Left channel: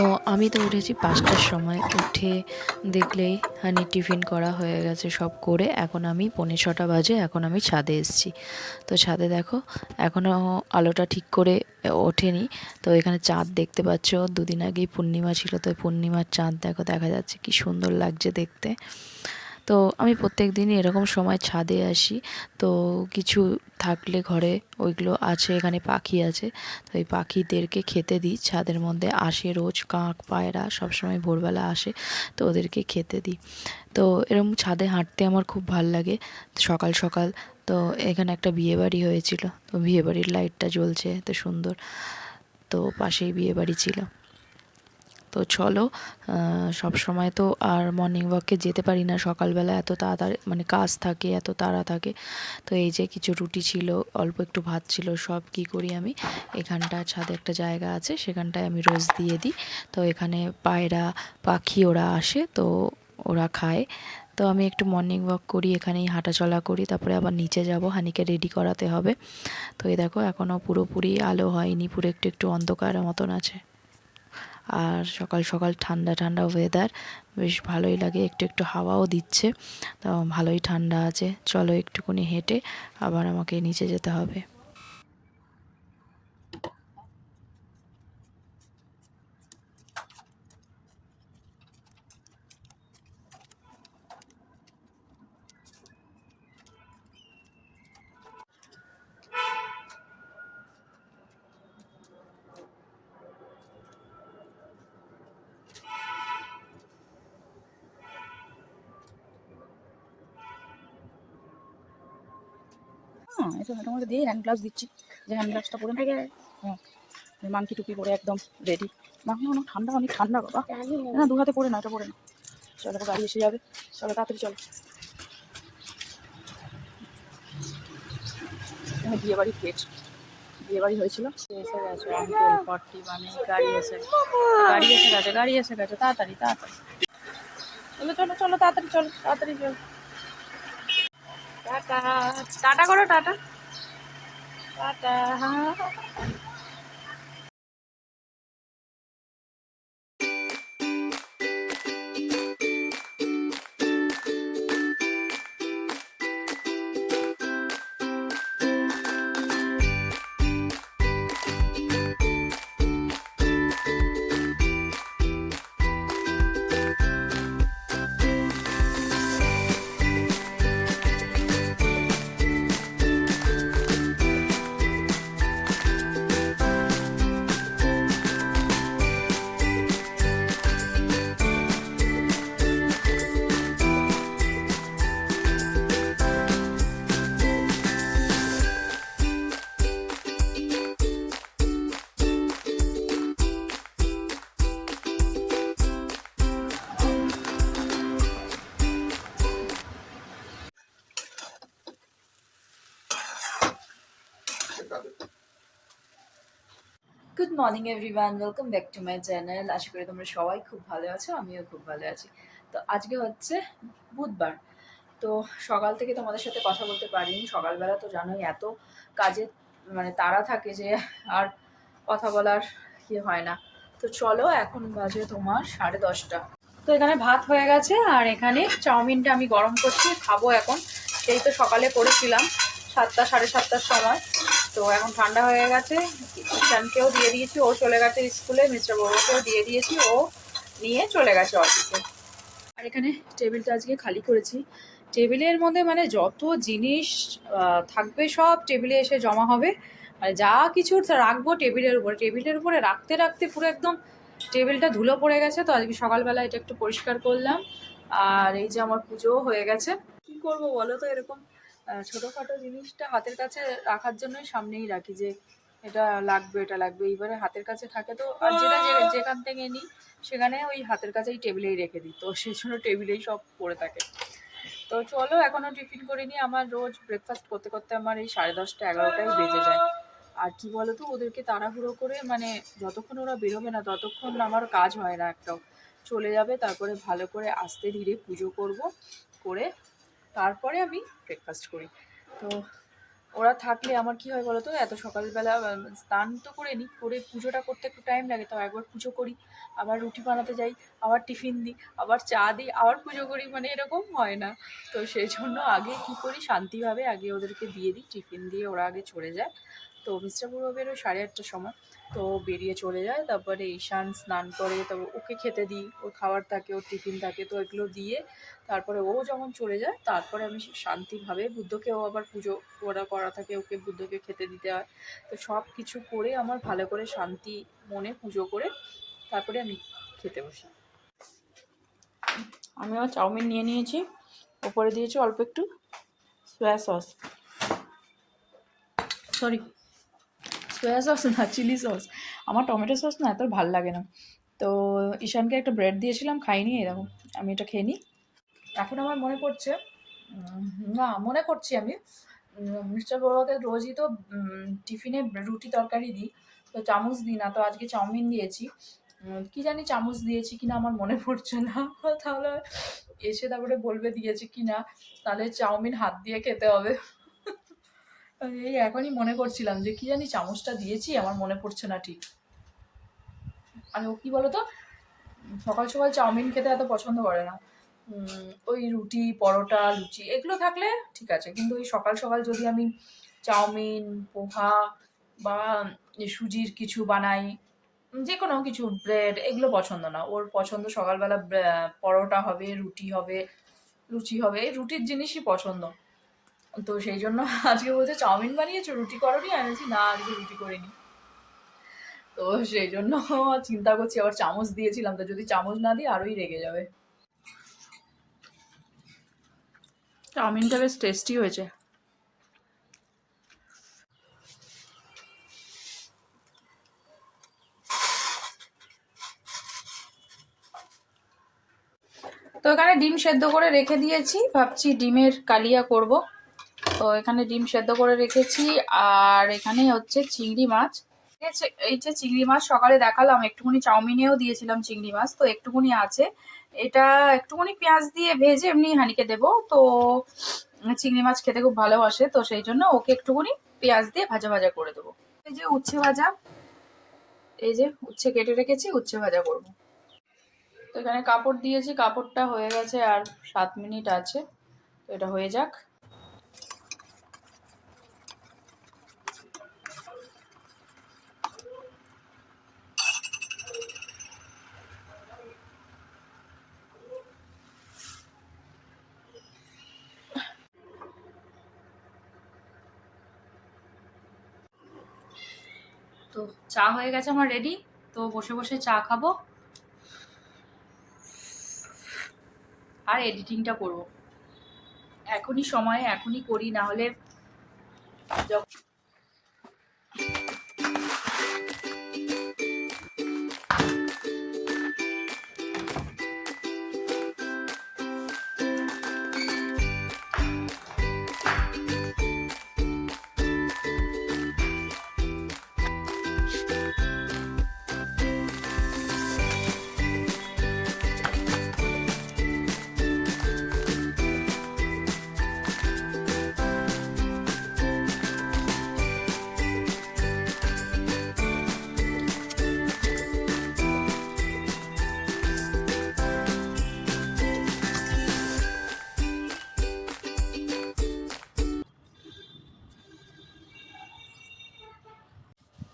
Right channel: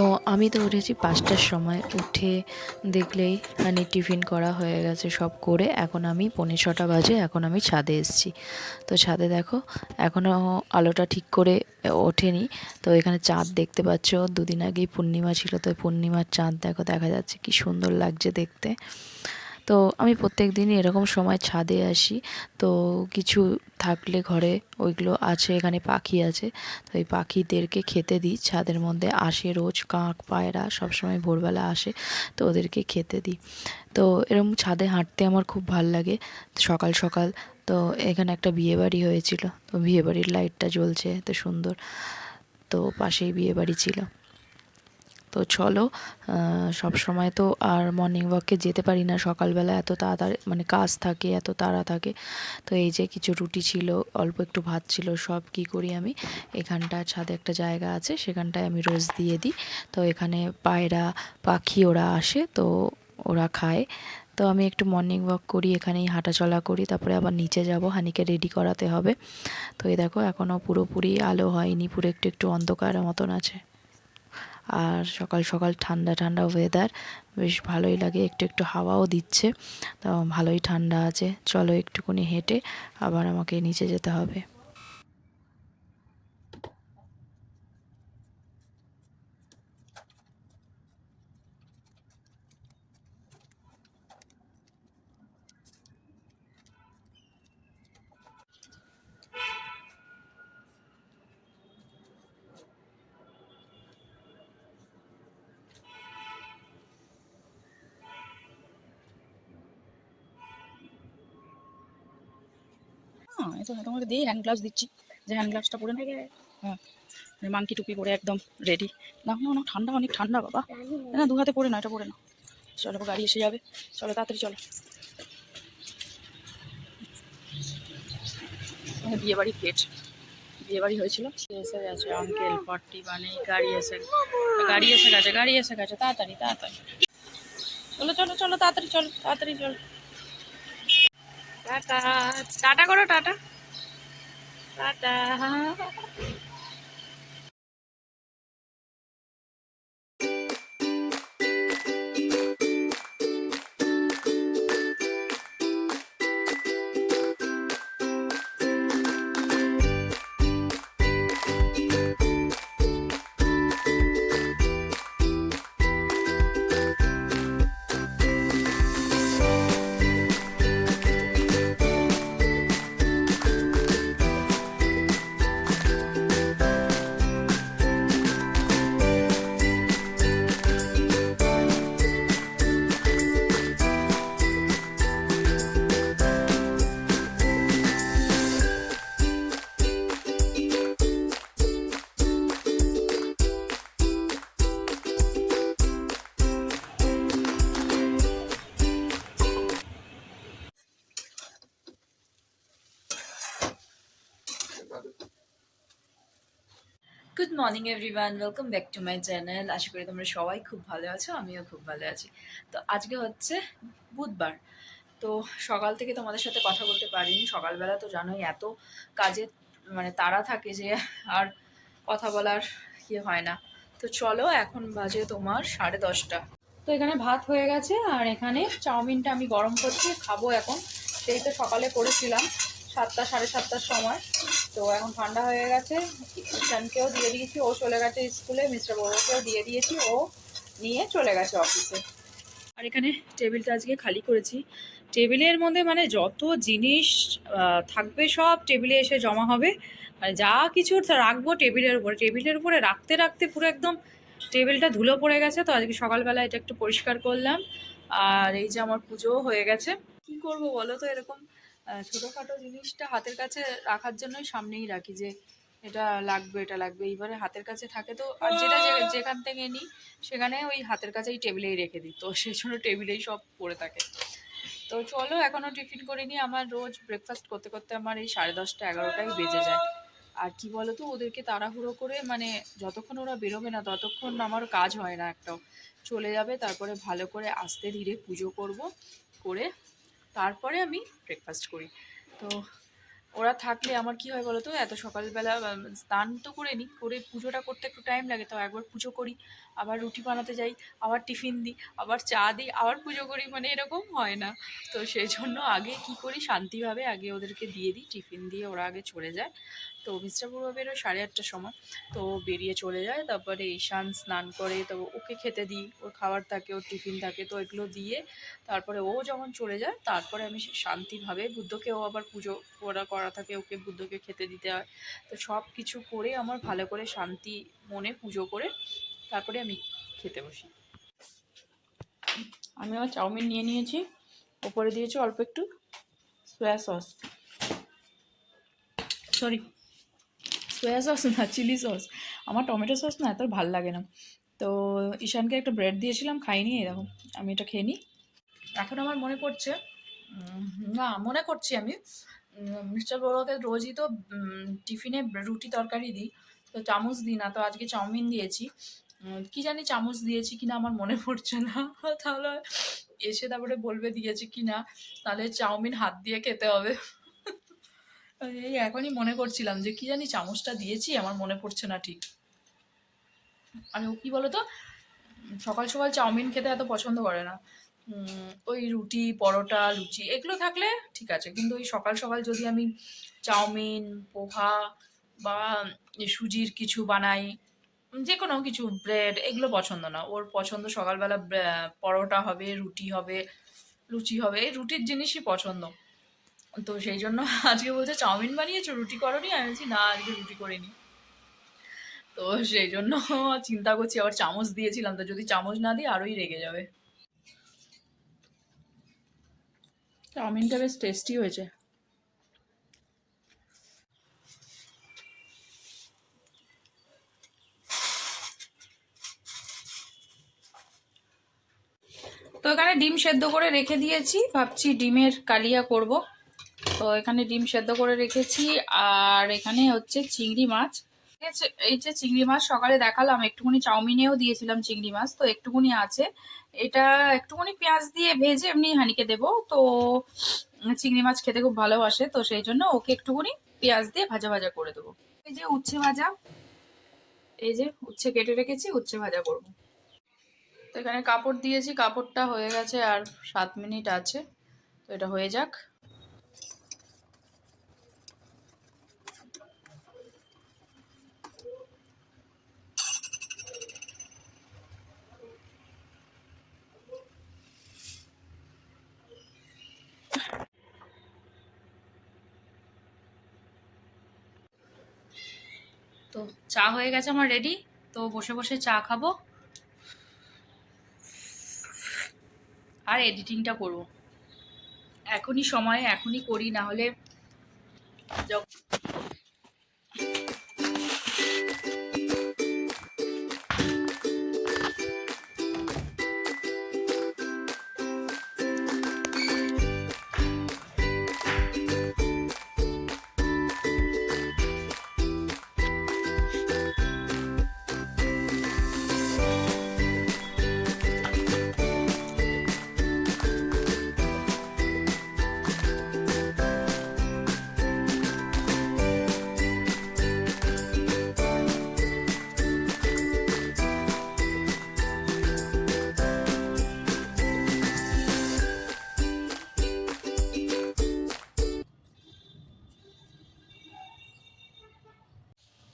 তো আমি তো উঠেছি ৫টার সময়। উঠে দেখলেই হানির টিফিন করা হয়ে গেছে, সব করে এখন আমি ৫:45 বাজে, এখন আমি ছাদে এসেছি। তো ছাদে দেখো এখনও আলোটা ঠিক করে ওঠেনি। তো এখানে চাঁদ দেখতে পাচ্ছ, দুদিন আগেই পূর্ণিমা ছিল, তো পূর্ণিমার চাঁদ দেখো দেখা যাচ্ছে, কি সুন্দর লাগছে দেখতে। তো আমি প্রত্যেক দিনই এরকম সময় ছাদে আসি। তো কিছু থাকলে ঘরে ওইগুলো আছে, এখানে পাখি আছে, তো এই পাখিদেরকে খেতে দিই। ছাদের মধ্যে আসে রোজ কাক পায়রা সবসময় ভোরবেলা আসে, তো ওদেরকে খেতে দিই। তো এরকম ছাদে হাঁটতে আমার খুব ভাল লাগে সকাল সকাল। তো এখানে একটা বিয়েবাড়ি হয়েছিল, তো বিয়েবাড়ির লাইটটা জ্বলছে তো সুন্দর, তো পাশেই বিয়েবাড়ি ছিল। তো চলো, সব সময় তো আর মর্নিং ওয়াকে যেতে পারি না সকালবেলা, এত তাড়াতাড়ি মানে কাজ থাকে, এত তাড়া থাকে। তো এই যে কিছু রুটি ছিল, অল্প একটু ভাত ছিল, সব কি করি আমি এখানটা ছাদে একটা জায়গা আছে, সেখানটায় আমি রোজ দিয়ে দিই। তো এখানে পায়রা পাখি ওরা আসে, তো ওরা খায়। তো আমি একটু মর্নিং ওয়াক করি, এখানেই হাঁটাচলা করি, তারপরে আবার নিচে যাব, হানিকে রেডি করাতে হবে। তো এই দেখো এখনও পুরোপুরি আলো হয়নি, পুরো একটু একটু অন্ধকার মতন আছে। আর সকাল সকাল ঠান্ডা ঠান্ডা ওয়েদার, বেশ ভালোই লাগে, একটু একটু হাওয়াও দিচ্ছে, তো ভালোই ঠান্ডা আছে। চলো একটুখানি হেঁটে আবার আমাকে নিচে যেতে হবে। এটা তোমাকে দিই হ্যান্ড গ্লাভস দিচ্ছি, যে হ্যান্ড গ্লাভসটা পরে না। হ্যাঁ, মাংকি টুপি পরে একদম রেডি। না না না, ঠান্ডা অনেক ঠান্ডা বাবা, না দু হাতে পরে না, এটা পরে না। চলো গাড়ি এসে যাবে, চলো তাড়াতাড়ি চলো। বিয়ে বাড়ি গেট, বিয়ে বাড়ি হয়েছিল, এসে গেছে আঙ্কেল 41, গাড়ি এসে গেছে, গাড়ি এসে গেছে, তাড়াতাড়ি তাড়াতাড়ি চলো চলো চলো, তাড়াতাড়ি চলো তাড়াতাড়ি চলো। টাটা, টাটা করো, টাটা টাটা। Good morning everyone, welcome back to my channel. আশা করি তোমরা সবাই খুব ভালো আছো, আমিও খুব ভালো আছি। তো আজকে হচ্ছে বুধবার। তো সকাল থেকে তোমাদের সাথে কথা বলতে পারিনি, সকালবেলা তো জানোই এত কাজে মানে তাড়া থাকে যে আর কথা বলার হয় না। তো চলো, এখন বাজে তোমার 10:30। তো এখানে ভাত হয়ে গেছে, আর এখানে চাউমিনটা আমি গরম করছি, খাবো এখন। সেই তো সকালে করেছিলাম 7টা 7:30টার সময়। তো এখন ঠান্ডা হয়ে গেছে, ঈশানকেও দিয়ে দিয়েছি, ও চলে গেছে স্কুলে, মিস্টার বড়কেও দিয়ে দিয়েছি, ও নিয়ে চলে গেছে অফিসে। আর এখানে টেবিলটা আজকে খালি করেছি। টেবিলের মধ্যে মানে যত জিনিস থাকবে সব টেবিলে এসে জমা হবে, আর যা কিছু রাখবো টেবিলের উপরে রাখতে রাখতে পুরো একদম টেবিলটা ধুলো পড়ে গেছে। তো আজকে সকালবেলা এটা একটু পরিষ্কার করলাম। আর এই যে আমার পুজোও হয়ে গেছে। কি করব বলো তো, এরকম ছোটোখাটো জিনিসটা হাতের কাছে রাখার জন্যই সামনেই রাখি, যে এটা লাগবে এটা লাগবে, এইবারে হাতের কাছে থাকে। তো আর যেটা যেখান থেকে নিই সেখানে ওই হাতের কাছেই টেবিলেই রেখে দিই, তো সেই জন্য টেবিলেই সব পড়ে থাকে। তো চলো, এখনও টিফিন করিনি। আমার রোজ ব্রেকফাস্ট করতে করতে আমার এই 10:30 11টাই বেজে যায়। আর কি বলো তো, ওদেরকে তাড়াহুড়ো করে মানে যতক্ষণ ওরা বেরোবে না ততক্ষণ আমার কাজ হয় না একটাও। চলে যাবে, তারপরে ভালো করে আস্তে ধীরে পুজো করব, করে তারপরে আমি ব্রেকফাস্ট করি। তো ওরা থাকলে আমার কি হয় বলো তো, এত সকালবেলা স্নান তো করে নিই, করে পুজোটা করতে একটু টাইম লাগে, তো একবার পুজো করি, আবার রুটি বানাতে যাই, আবার টিফিন দিই, আবার চা দিই, আবার পুজো করি, মানে এরকম হয় না। তো সেই জন্য আগে কি করি, শান্তিভাবে আগে ওদেরকে দিয়ে দিই, টিফিন দিয়ে ওরা আগে চলে যায়। তো অফিসটা পুরো বেরোয় 8:30টার সময়, তো বেরিয়ে চলে যায়। তারপরে ঈশান স্নান করে, তো ওকে খেতে দিই, ওর খাবার থাকে, ওর টিফিন থাকে, তো এগুলো দিয়ে তারপরে ও যখন চলে যায়, তারপরে আমি শান্তিভাবে, বুদ্ধকেও আবার পুজো করা থাকে, ওকে বুদ্ধকে খেতে দিতে হয়। তো সব কিছু করে আমার ভালো করে শান্তি মনে পুজো করে তারপরে আমি খেতে বসি। আমি আমার চাউমিন নিয়ে নিয়েছি, ওপরে দিয়েছি অল্প একটু soya sauce, sorry soya sauce না, চিলি সস। আমার টমেটো সস না এত ভাল লাগে না। তো ঈশানকে একটা ব্রেড দিয়েছিলাম, খাইনি, এরকম আমি এটা খেয়ে নিই। এখন আমার মনে পড়ছে, না মনে করছি আমি, মিস্টার বড়ুয়াকে রোজই তো টিফিনে রুটি তরকারি দিই, তো চামচ দিই না, তো আজকে চাউমিন দিয়েছি। কি জানি চামচ দিয়েছি কিনা আমার মনে পড়ছে না। তাহলে এসে তারপরে বলবে দিয়েছি কিনা, তাহলে চাউমিন হাত দিয়ে খেতে হবে। এই এখনই মনে করছিলাম যে কি জানি চামচটা দিয়েছি, আমার মনে পড়ছে না ঠিক। আর ও কি বলতো, সকাল সকাল চাউমিন খেতে এত পছন্দ করে না। ওই রুটি, পরোটা, লুচি এগুলো থাকলে ঠিক আছে, কিন্তু ওই সকাল সকাল যদি আমি চাউমিন, পোহা বা সুজির কিছু বানাই, যে কোনো কিছু, ব্রেড, এগুলো পছন্দ না। ওর পছন্দ সকালবেলা পরোটা হবে, রুটি হবে, লুচি হবে, এই রুটির জিনিসই পছন্দ। তো সেই জন্য আজকে বলছে চাউমিন বানিয়েছো, রুটি করোনি? আমি বলছি না, আজকে রুটি করিনি। তো সেই জন্য চিন্তা করছি, আবার চামচ দিয়েছিলাম, তো যদি চামচ না দিই আরোই রেগে যাবে। চাউমিনটা বেশ টেস্টি হয়েছে। তো এখানে ডিম সেদ্ধ করে রেখে দিয়েছি, ভাবছি ডিমের কালিয়া করব। তো এখানে ডিম সেদ্ধ করে রেখেছি, আর এখানে হচ্ছে চিংড়ি মাছ। এই যে চিংড়ি মাছ সকালে দেখালাম, একটুখানি চাউমিনেও দিয়েছিলাম চিংড়ি মাছ, তো একটুখানি আছে। এটা একটুখানি পেঁয়াজ দিয়ে ভেজে এমনি হানিকে দেবো। তো চিংড়ি মাছ খেতে খুব ভালোবাসে, তো সেই জন্য ওকে একটুখানি পেঁয়াজ দিয়ে ভাজা ভাজা করে দেবো। এই যে উচ্ছে ভাজা, এই যে উচ্ছে কেটে রেখেছি, উচ্ছে ভাজা করবো। তো এখানে কাপড় দিয়েছি, কাপড়টা হয়ে গেছে, আর 7 মিনিট আছে, তো এটা হয়ে যাক। তো চা হয়ে গেছে আমার রেডি, তো বসে বসে চা খাবো আর এডিটিংটা করব। এখনই সময়, এখনই করি, না হলে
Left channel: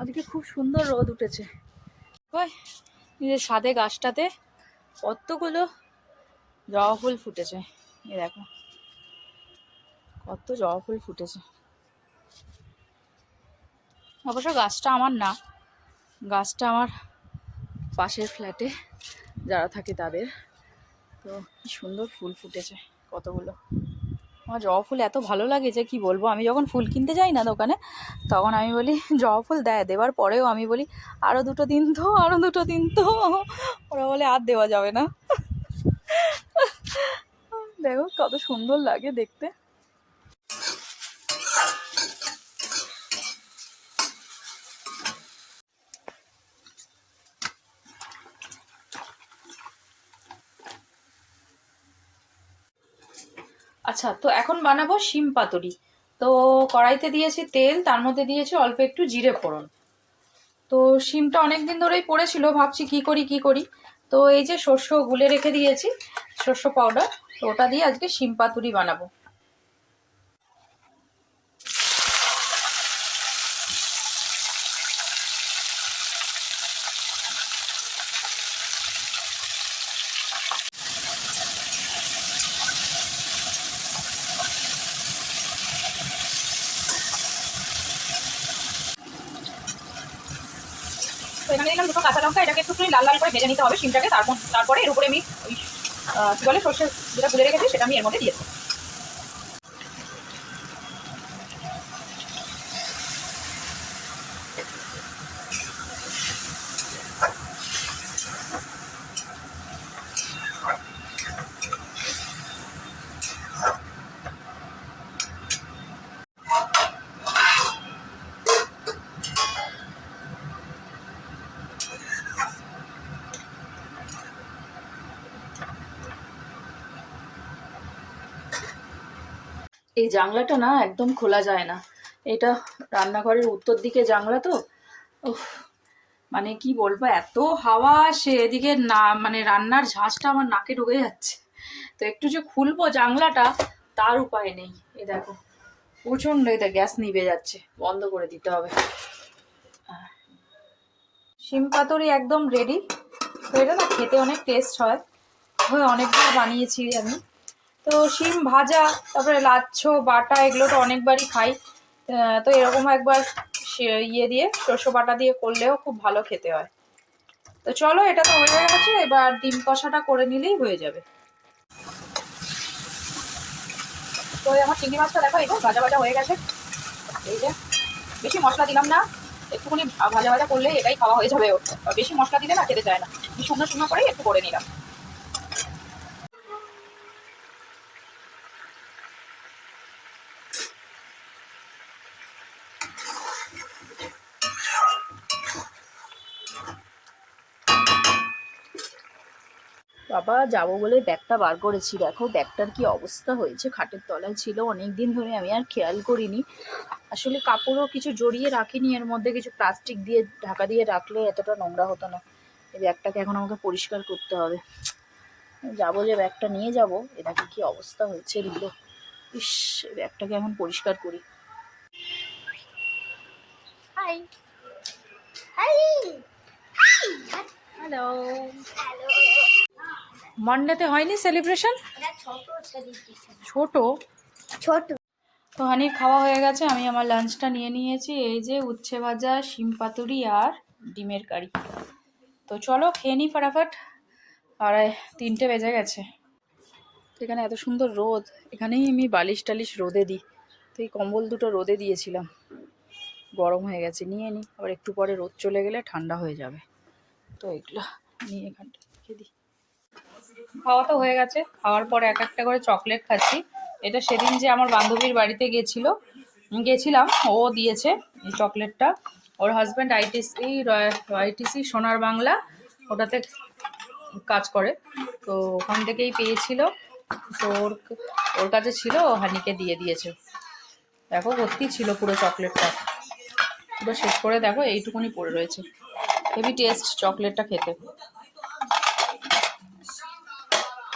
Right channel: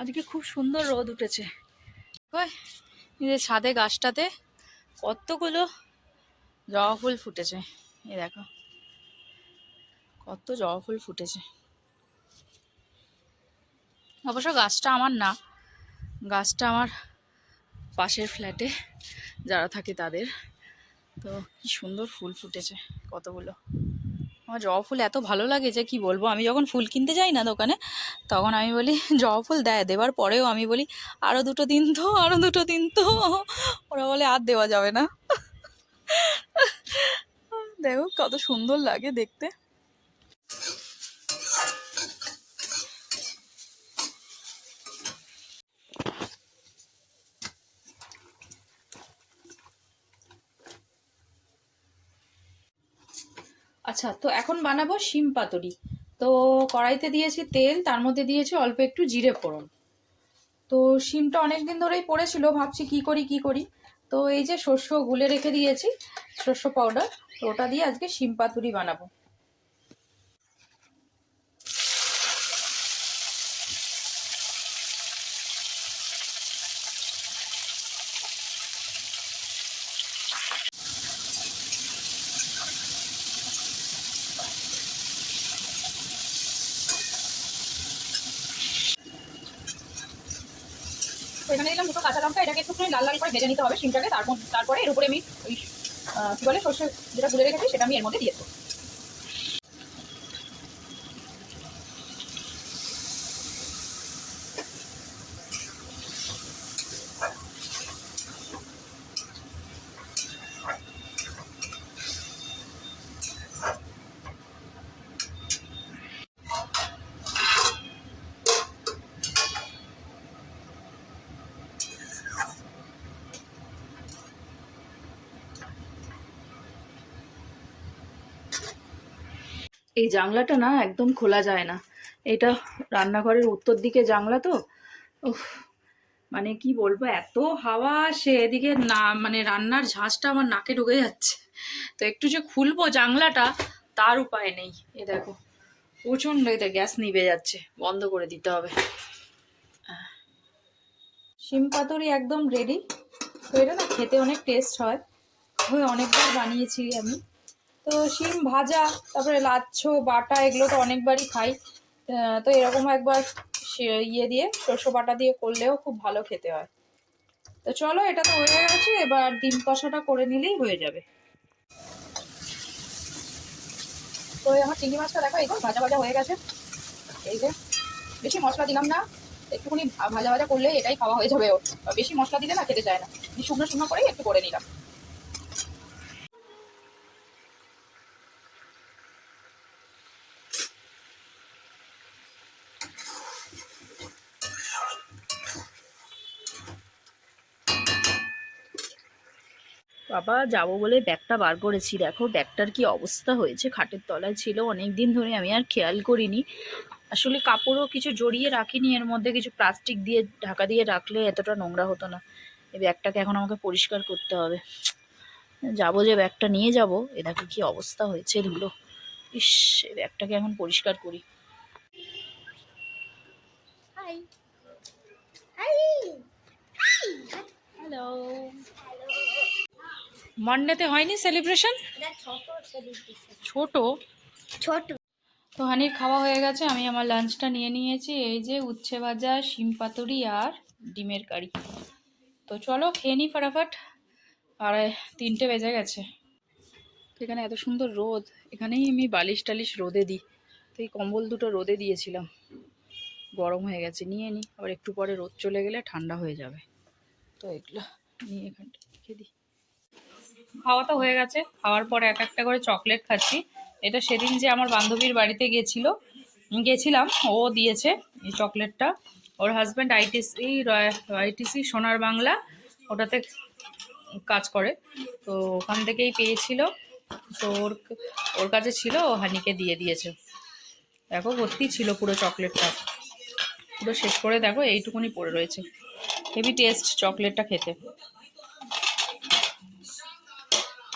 আজকে খুব সুন্দর রোদ উঠেছে। ওই এই যে ছাদে গাছটাতে কতগুলো জবা ফুল ফুটেছে, এই দেখো কত জবা ফুল ফুটেছে। অবশ্য গাছটা আমার না, গাছটা আমার পাশের ফ্ল্যাটে যারা থাকে তাদের। তো কি সুন্দর ফুল ফুটেছে কতগুলো। আমার জবা ফুল এত ভালো লাগে যে কি বলবো। আমি যখন ফুল কিনতে যাই না দোকানে, তখন আমি বলি জবা ফুল দেওয়ার পরেও আমি বলি আরও 2টো দিন তো, আরও 2টো দিন তো। ওরা বলে আর দেওয়া যাবে না। দেখো কত সুন্দর লাগে দেখতে। আচ্ছা, তো এখন বানাবো শিম পাতুরি। তো কড়াইতে দিয়েছি তেল, তার মধ্যে দিয়েছি অল্প একটু জিরে ফোড়ন। তো শিমটা অনেক দিন ধরেই পড়েছিল, ভাবছি কি করি। তো এই যে শস্য গুলে রেখে দিয়েছি, শস্য পাউডার, তো ওটা দিয়ে আজকে শিম পাতুরি বানাবো। তো এখানে দিলাম দুটো কাঁচা লঙ্কা, এটাকে একটু লাল লাল করে ভেজে নিতে হবে শিমটাকে। তারপরে এর উপরে আমি কি বলে সর্ষে যেটা গুলে রেখেছি সেটা আমি এর মধ্যে দিয়েছি। এই জানলাটা না একদম খোলা যায় না, এটা রান্নাঘরের উত্তর দিকে জানলা তো। উফ, মানে কি বলবো, এত হাওয়া আসে এদিকে না, মানে রান্নার ঝাঁজটা আমার নাকে ঢুকে যাচ্ছে। তো একটু যে খুলবো জানলাটা তার উপায় নেই। এ দেখো প্রচন্ড, এটা গ্যাস নিভে যাচ্ছে, বন্ধ করে দিতে হবে। শিম পাতুরি একদম রেডি। তো এটা না খেতে অনেক টেস্ট হয়, অনেকবার বানিয়েছি আমি। তো শিম ভাজা, তারপরে লাচ্ছো বাটা, এগুলো তো অনেকবারই খাই। তো এরকম একবার ইয়ে দিয়ে সরষে বাটা দিয়ে করলেও খুব ভালো খেতে হয়। তো চলো, এটা তো হয়ে গেছে, এবার ডিম কষাটা করে নিলেই হয়ে যাবে। তো আমার চিংড়ি মাছটা দেখো, এই তো ভাজা ভাজা হয়ে গেছে। এই যে বেশি মশলা দিলাম না, একটুখানি ভাজা ভাজা করলে এটাই খাওয়া হয়ে যাবে। বেশি মশলা দিলে না খেতে চায় না, শুকনো শুকনো করেই একটু করে নিলাম। বাবা যাবো বলে ব্যাগটা বার করেছি, দেখো ব্যাগটার কি অবস্থা হয়েছে, খাটের তলায় ছিল অনেক দিন ধরে, আমি আর খেয়াল করিনি। আসলে কাপড়ও কিছু জড়িয়ে রাখিনি, এর মধ্যে কিছু প্লাস্টিক দিয়ে ঢাকা দিয়ে রাখলে এতটা নোংরা হতো না। এই ব্যাগটাকে এখন আমাকে পরিষ্কার করতে হবে। যাবো যে ব্যাগটা নিয়ে যাব, এ দেখো কি অবস্থা হয়েছে ধুলো। ইস, এই ব্যাগটাকে এখন পরিষ্কার করি। High hi hello. মানডেতে হয়নি সেলিব্রেশন? ছোট ছোট। তো হানির খাওয়া হয়ে গেছে, আমি আমার লাঞ্চটা নিয়ে নিয়েছি। এই যে উচ্ছে ভাজা, শিম পাতুরি আর ডিমের কারি। তো চলো খেয়ে নিই ফাটাফাট, আর 3টে বেজে গেছে। এখানে এত সুন্দর রোদ, এখানেই আমি বালিশ টালিশ রোদে দিই। তো এই কম্বল দুটো রোদে দিয়েছিলাম, গরম হয়ে গেছে, নিয়ে নিই, আবার একটু পরে রোদ চলে গেলে ঠান্ডা হয়ে যাবে। তো এগুলো নিয়ে এখানটা রেখে দিই। খাওয়া তো হয়ে গেছে, খাওয়ার পরে এক একটা করে চকলেট খাচ্ছি। এটা সেদিন যে আমার বান্ধবীর বাড়িতে গেছিলাম, ও দিয়েছে এই চকলেটটা। ওর হাজব্যান্ড আইটিসি সোনার বাংলা ওটাতে কাজ করে, তো ওখান থেকেই পেয়েছিল। তো ওর কাছে ছিল, ও হানিকে দিয়ে দিয়েছে। দেখো ভর্তি ছিল পুরো চকলেটটা, পুরো শেষ করে দেখো এইটুকুনি পড়ে রয়েছে। হেভি টেস্ট চকলেটটা খেতে।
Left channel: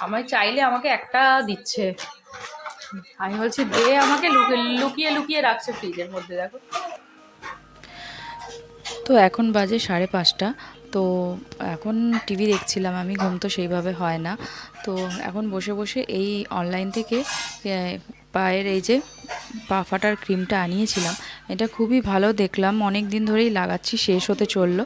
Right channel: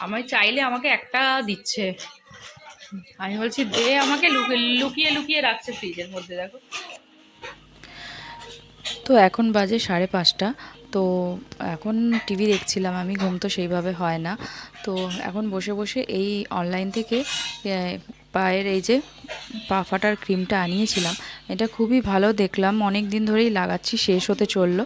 আমায় চাইলে আমাকে একটা দিচ্ছে, আমি বলছি দে আমাকে, লুকিয়ে লুকিয়ে রাখছে ফ্রিজের মধ্যে, দেখো। তো এখন বাজে 5:30। তো এখন টিভি দেখছিলাম আমি, ঘুম তো সেইভাবে হয় না। তো এখন বসে বসে এই অনলাইন থেকে পায়ের এই যে পা ফাটার ক্রিমটা আনিয়েছিলাম, এটা খুবই ভালো দেখলাম, অনেক দিন ধরেই লাগাচ্ছি, শেষ হতে চললো।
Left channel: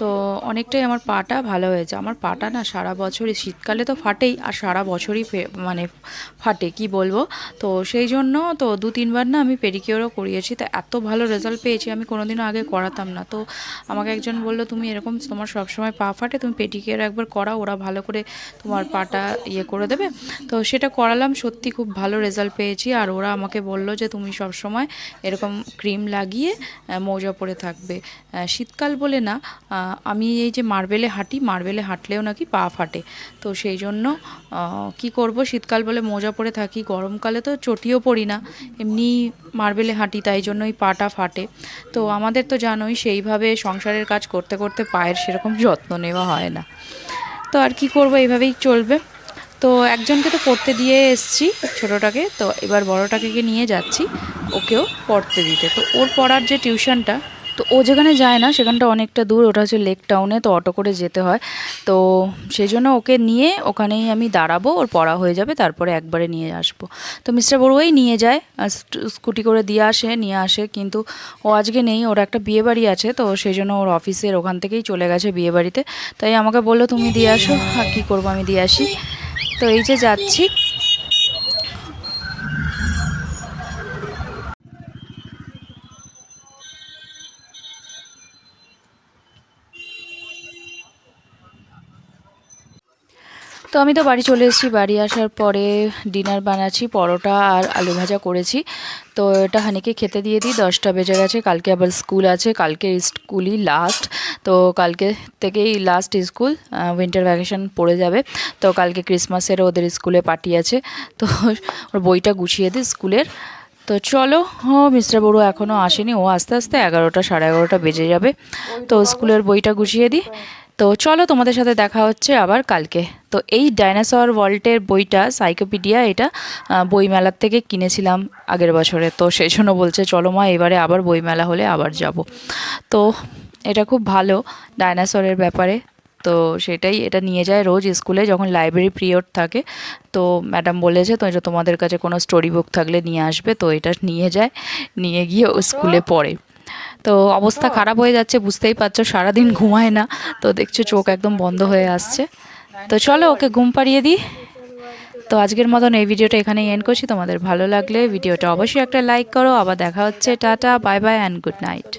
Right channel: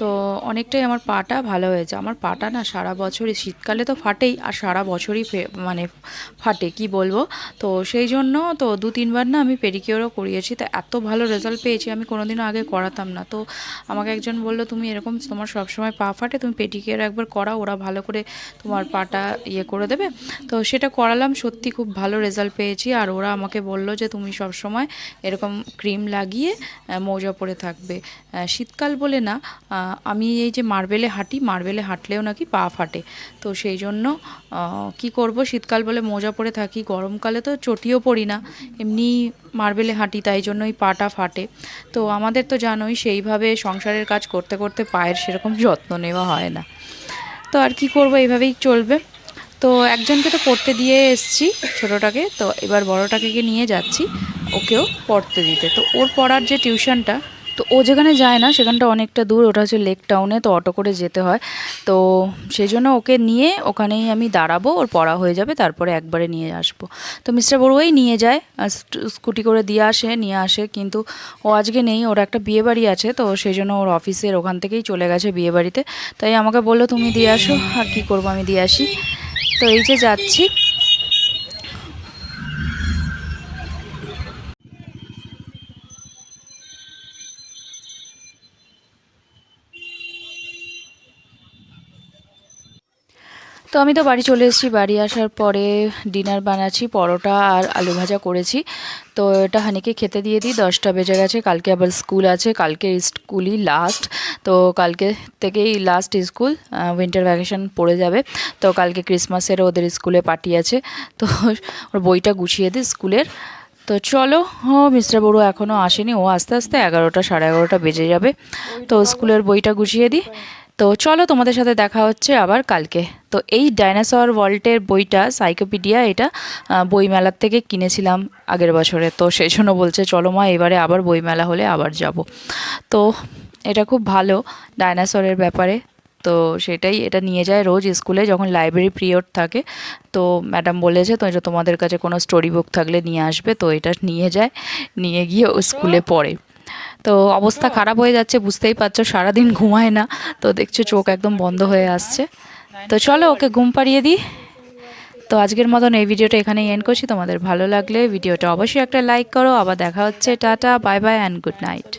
তো অনেকটাই আমার পাটা ভালো হয়েছে। আমার পাটা না সারা বছরই, শীতকালে তো ফাটেই, আর সারা বছরই মানে ফাটে কি বলবো। তো সেই জন্য তো 2-3বার না আমি পেডিকিওরও করিয়েছি, তো এত ভালো রেজাল্ট পেয়েছি, আমি কোনোদিনও আগে করাতাম না। তো আমাকে একজন বললো, তুমি এরকম তোমার সবসময় পা ফাটে, তুমি পেডিকিওর একবার করাও, ওরা ভালো করে তোমার পাটা ইয়ে করে দেবে। তো সেটা করালাম, সত্যি খুব ভালো রেজাল্ট পেয়েছি। আর ওরা আমাকে বললো বলল যে তুমি সব সময় এরকম ক্রিম লাগিয়ে মৌজা পরে থাকবে। শীতকাল বলে না, আমি এই যে মার্বেলে হাঁটি, মার্বেলে হাঁটলেও নাকি পা ফাটে। তো সেই জন্য কি করব, শীতকাল বলে মোজা পরে থাকি, গরমকালে তো চটিও পরি না, এমনি মার্বেলে হাঁটি, তাই জন্যই পাটা ফাটে। তো আমাদের তো জানোই সেইভাবে সংসারের কাজ করতে করতে পায়ের সেরকম যত্ন নেওয়া হয় না। তো আর কি করব, এইভাবেই চলবে। তো একজনকে তো পড়তে দিয়ে এসছি ছোটোটাকে, তো এবার বড়োটাকে নিয়ে যাচ্ছি ওকেও পড়তে দিতে। তো ওর পড়ার যে টিউশনটা, তো ও যেখানে যায় না সেখানটা অনেকটা দূর, ওটা হচ্ছে লেক টাউনে, তো অটো করে যেতে হয়। তো সেই জন্য ওকে নিয়ে ওখানেই আমি দাঁড়াবো, ওর পড়া হয়ে যাবে, তারপরে একবারে নিয়ে আসবো। তো মিস্টার বড়ুয়াই নিয়ে যায়, স্কুটি করে নিয়ে আসে, কিন্তু ও আজকে নেই, ওর একটা বিয়েবাড়ি আছে, তো সেই জন্য ওর অফিসের ওখান থেকেই চলে গেছে বিয়েবাড়িতে। তাই আমাকে বললো তুমি দিয়ে আসো, আর কী করবো, আমি দিয়ে আসি। তো এই যে যাচ্ছি। তো আমি তো বাড়ি চলে এসেছি, বাড়ি আসার পরে ডিনার বানাচ্ছি, পরোটা আর আলু ভাজা করেছি। তো এটা হানিকে খেতে দিয়ে দিই, 10টা বেজে গেছে, কালকে আবার স্কুল আছে, কালকে স্কুলই লাস্ট। তো কালকে থেকেই লাস্ট স্কুল, উইন্টার ভ্যাকেশন পড়ে যাবে। তো কালকে ক্রিসমাসের ওদের স্কুলে পার্টি আছে, তো ওর বইটা গুছিয়ে দিই স্কুলের। তো চলো, মিস্টার বড়ু এখনও আসেনি, ও আস্তে আস্তে 11টা সাড়ে 11টা বেজে যাবে। তো স্কুলের বইটা গুছিয়ে দিই। তো চলো, তোমাদের সাথে দেখা হচ্ছে আবার কালকে। তো এই ডাইনোসর ওয়ার্ল্ডের বইটা, সাইকোপিডিয়া, এটা বইমেলার থেকে কিনেছিলাম আগের বছরে। তো সেই জন্য বলছে চলো মা, এবারে আবার বইমেলা হলে আবার যাব। তো এটা খুব ভালো ডাইনোসরের ব্যাপারে। তো সেটাই, এটা নিয়ে যায় রোজ স্কুলে যখন লাইব্রেরি পিরিয়ড থাকে। তো ম্যাডাম বলেছে তো যে তোমাদের কাছে কোনো স্টোরি বুক থাকলে নিয়ে আসবে। তো এটা নিয়ে যায়, নিয়ে গিয়ে ও স্কুলে পড়ে। তো অবস্থা খারাপ হয়ে যাচ্ছে, বুঝতেই পারছো, সারাদিন ঘুমায় না। তো দেখছো চোখ একদম বন্ধ হয়ে আসছে। তো চলো ওকে ঘুম পাড়িয়ে দিই। তো আজকের মতন এই ভিডিওটা এখানেই এন্ড করছি। তোমাদের ভালো লাগলে ভিডিওটা অবশ্যই একটা লাইক করো। আবার দেখা হচ্ছে, tata, bye bye and good night.